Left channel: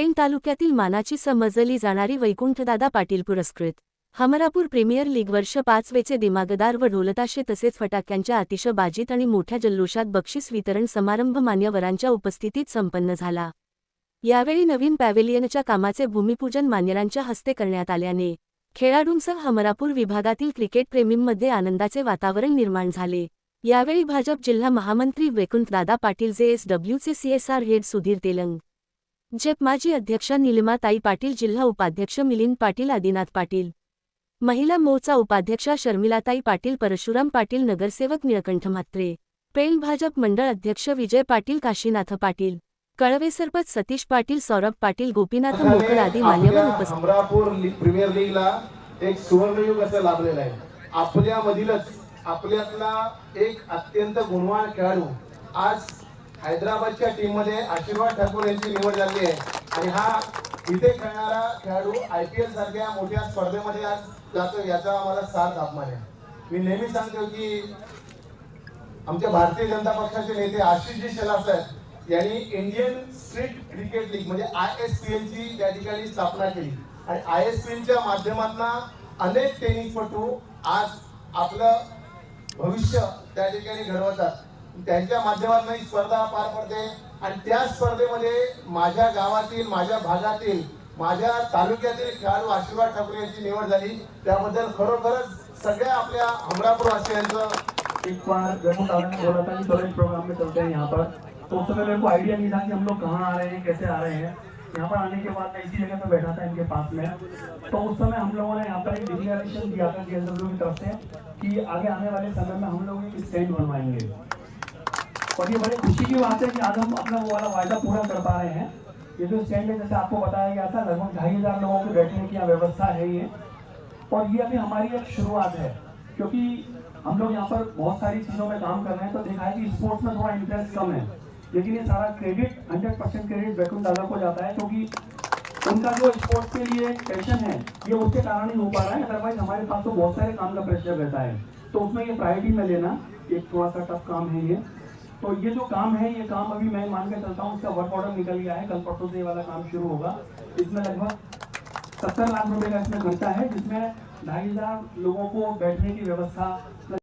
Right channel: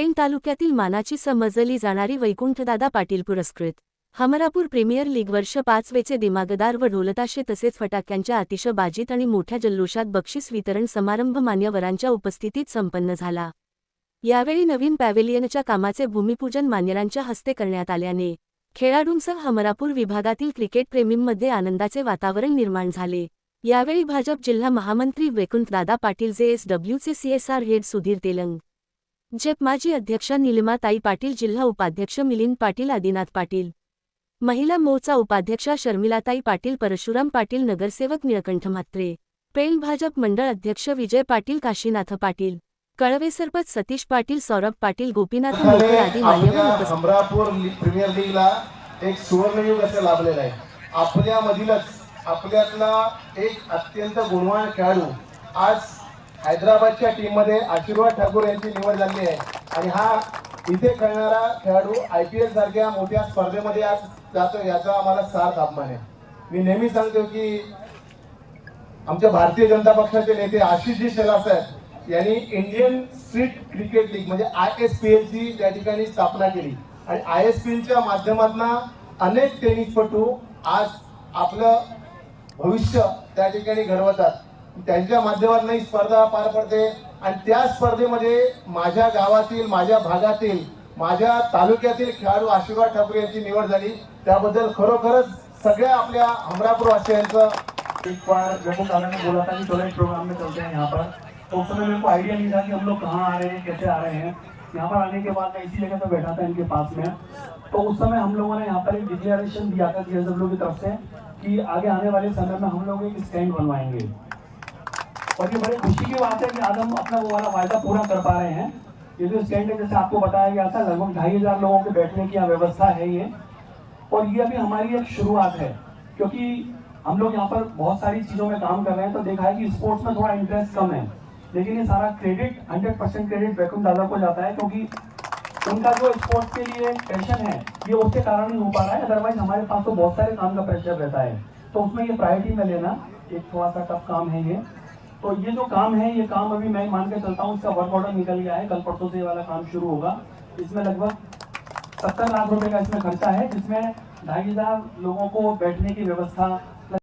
पेण तालुक्यातील मानाची समजली जाणारी वैकुंठदादा पाटील पुरस्कृत. हमरापूर प्रीमियर लीग वर्ष पाचवेचे दिमागदार व ढोलताशे तसेच फटाक्यांच्या अतिशबाजीत आणि मोठ्या जल्लोषात बक्षीस वितरण समारंभ मान्यवरांच्या उपस्थितीत संपन्न झाला. यावेळी नवीन पॅव्हेलियनच्या कामाचे भूमिपूजन मान्यरांच्या हस्ते करण्यात आल्याने खेळाडूंसह हमरापूर विभागातील क्रिकेटप्रेमींमध्ये आनंदाचे वातावरण निर्माण झाले. यावेळी भाजप जिल्हा महामंत्री वैकुंठदादा पाटील जे एस डब्ल्यूचे सीएसआर हेड सुधीर तेलंग जेप माजी अध्यक्षा निलिमाताई पाटील जिल्हा उपाध्यक्ष मिलिंद पाटील आदिनाथ पाटील महिला मोचा उपाध्यक्षा शर्मिलाताई पाटील परशुराम पाटील नगरसेवक निळकंठ म्हात्रे पेल भाजप मंडळ अध्यक्ष विजय पाटील काशीनाथ पाटील कळवे सरपंच सतीश पाटील सौरभ पाटील गोपीनाथ मोकर आदी मान्यवर उपस्थित प्रीमियर लीगला एक सुवर्णयुग असं लाभलेलं आहे. आपल्यामधीलच आपल्यातला एक अत्यंत गुणवान खेळाडू आज हैदराबादच्या टीममध्ये आशीर्वाद ठाकूर यांची निवड झाली आहे. आणि हा इथे खेळणारा खेळाडू आय पी एल सारख्या मोठ्या स्पर्धेमध्ये आज जातो याचा आम्हाला सार्थ अभिमान आहे. मी नेहमी सांगतो की आमच्या भारतीय जनता पक्षाचे नेते आशिष शेलार साहेब यांनी इंडियन स्ट्रीट क्रिकेट लीग म्हणजे आय एस पी एलची त्या ठिकाणी स्थापना केली. आणि आय एस पी एलच्या माध्यमातून अनेक टेनिसपटू आज आपलं भविष्य त्या ठिकाणी घडवतात. त्यांच्या माध्यमातून ही स्पर्धा पार पडते. आणि त्या स्पर्धेमध्ये माझ्या गावातील माझ्या भागातील माझ्या तालुक्यातील खेळाडू आशीर्वाद ठाकरे यांची निवड झाली. त्याबद्दल खरोखरच सगळ्या आपल्या हमरापूरवासियांचं एक बार जम्मू कारण बोला था एक प्रोग्राम में चलते हैं यहाँ पर. तो उस समय मेरे को आइडिया नहीं था कि हम लोग कहाँ आ रहे हैं कैसे आ रहे हैं. यहाँ पर आने के बाद मैं इसी जगह पर बैठा था इनके पास में. तो उस समय हम लोगों ने यहाँ पर एक डिक्लेरेशन दिया था जी की तरफ से कि आगे आने वाले समय में हम लोग एक स्टैंड बनवाएंगे. और ये बड़ी खुशी की बात है कि आज हम अपना वो वाला वायदा पूरा कर पा रहे हैं। ये जो स्टैंड है, जैसे आपको बताया गया था, लगभग ढाई हज़ार लोगों के बैठने की व्यवस्था है ये। और ये अभी हमारी एक शुरुआत है, क्योंकि हम लोग यहाँ पर बहुत सारी चीज़ों में काम कर रहे हैं तो देखा है कि स्पोर्ट्स में थोड़ा इंटरेस्ट कम है। लेकिन ये सारा credit hundred percent credit Vaikunth दादा को जाता है, क्योंकि उनका जो स्पोर्ट्स के लिए पैशन है, ये उसके कारण ही हो पा रहा है। अदरवाइज़ हमारे पास तो बहुत सारे काम का प्रेशर रहता है। तो उसमें ये प्रायोरिटी में लेना, एक थोड़ा सा टफ काम है ये। तो ये जो काम है, ये काम अभी मैं मान के चलता हूँ, इसका वर्क ऑर्डर निकल गया है। कल परसों से वाला काम शुरू होगा। इसमें लगभग सत्तर लाख रुपए का इसमें खर्चा है, जिसमें ढाई हज़ार लोगों को बैठने की व्यवस्था